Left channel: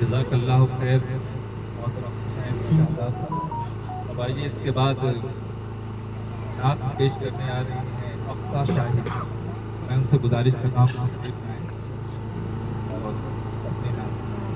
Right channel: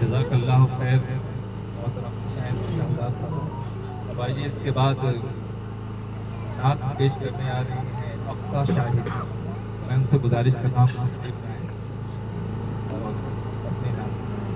जज़ाकल्लाहु खैर मोहतरम हुसैन शाहजाद साहब। अब आइए इसके बाद नात पेश करने आ रही हैं अक्सा शाहिद। मैं उनसे गुजारिश कर रहा हूँ कि तशरीफ लाएं और अपने नाम सुनाएं।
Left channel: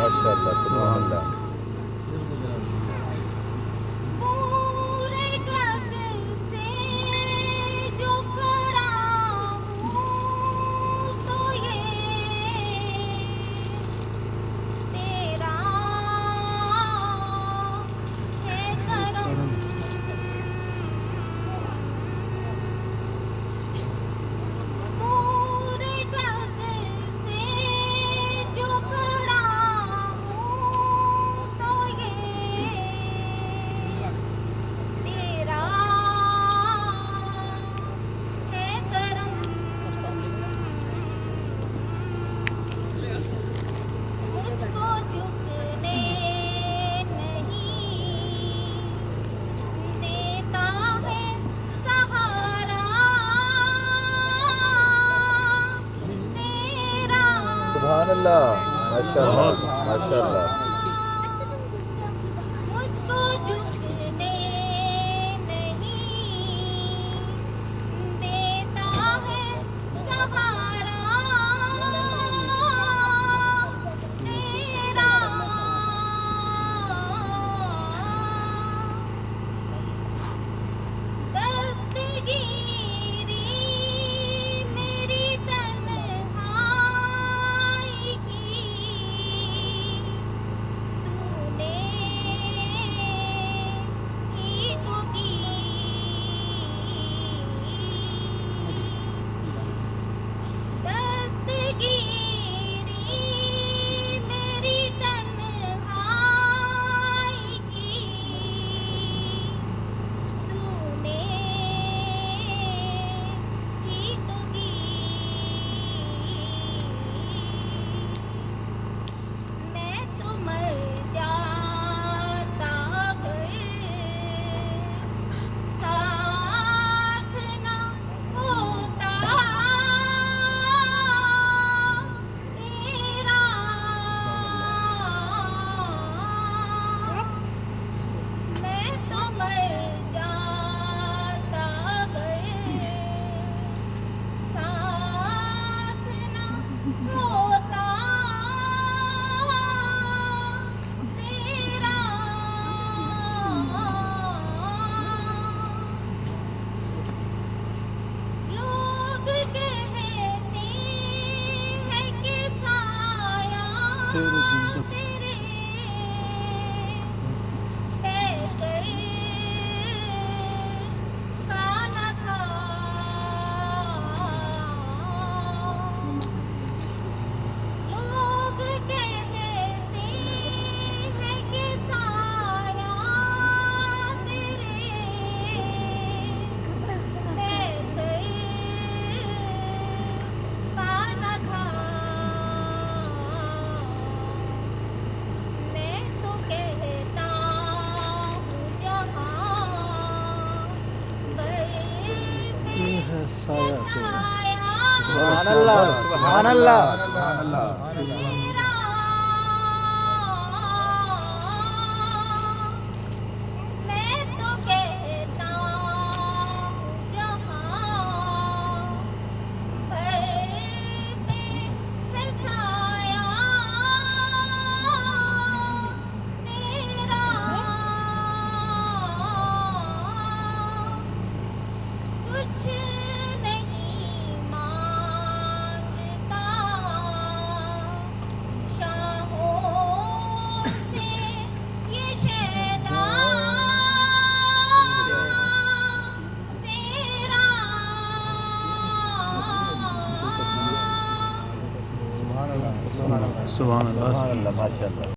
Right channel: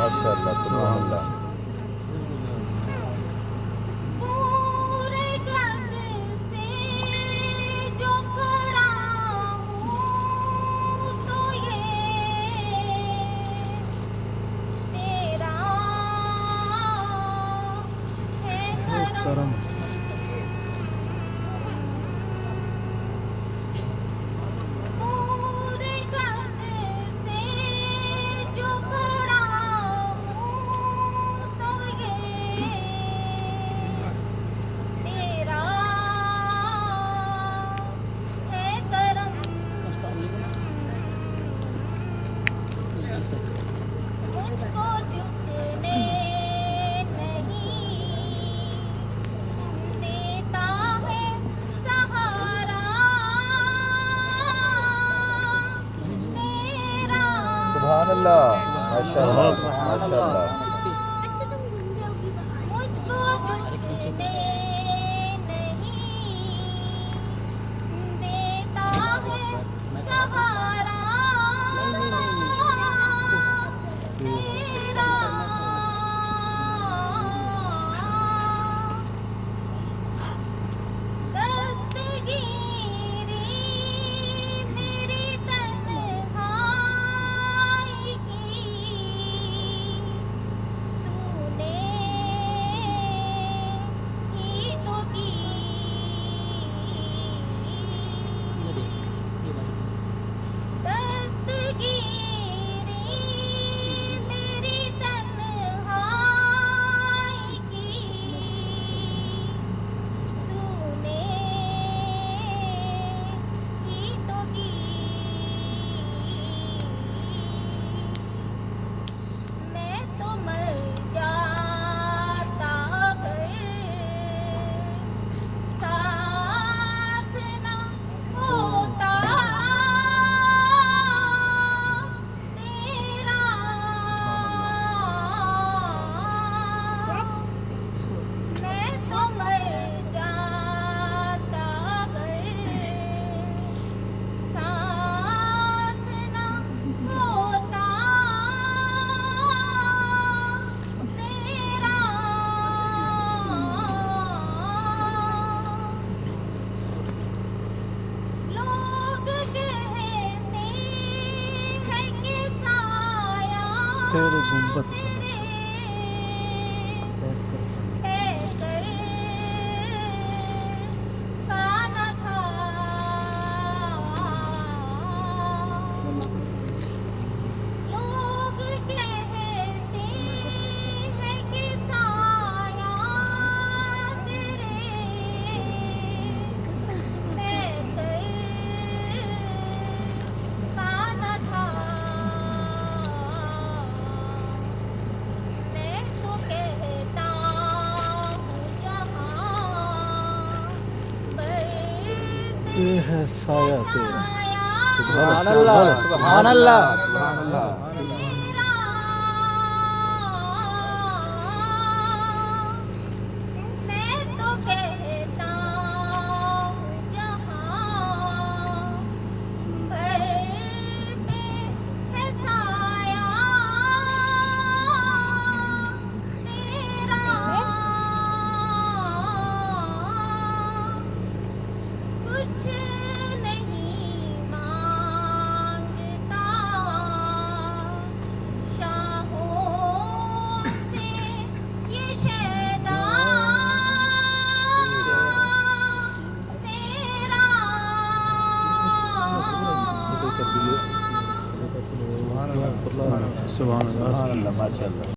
माशाअल्लाह सुभान अल्लाह। सुभान अल्लाह माशाअल्लाह माशाअल्लाह। मुझको झुकने नहीं देता है सहारा तेरा। दस्तगीरी मेरी तन्हाई की तेरे कहकर का न था। लोग कहते हैं कि साया तेरे कहकर का न था। मैं तो कहता हूँ जहाँ बरपे है साया तेरा। साया सुभान अल्लाह सुभान अल्लाह सुभान अल्लाह तेरा। मैं तो कहता हूँ जहाँ बरपे है साया तेरा। कुछ नहीं मांगता शाहों से ये शैदा तेरा। सुभान अल्लाह। सुभान अल्लाह माशाअल्लाह।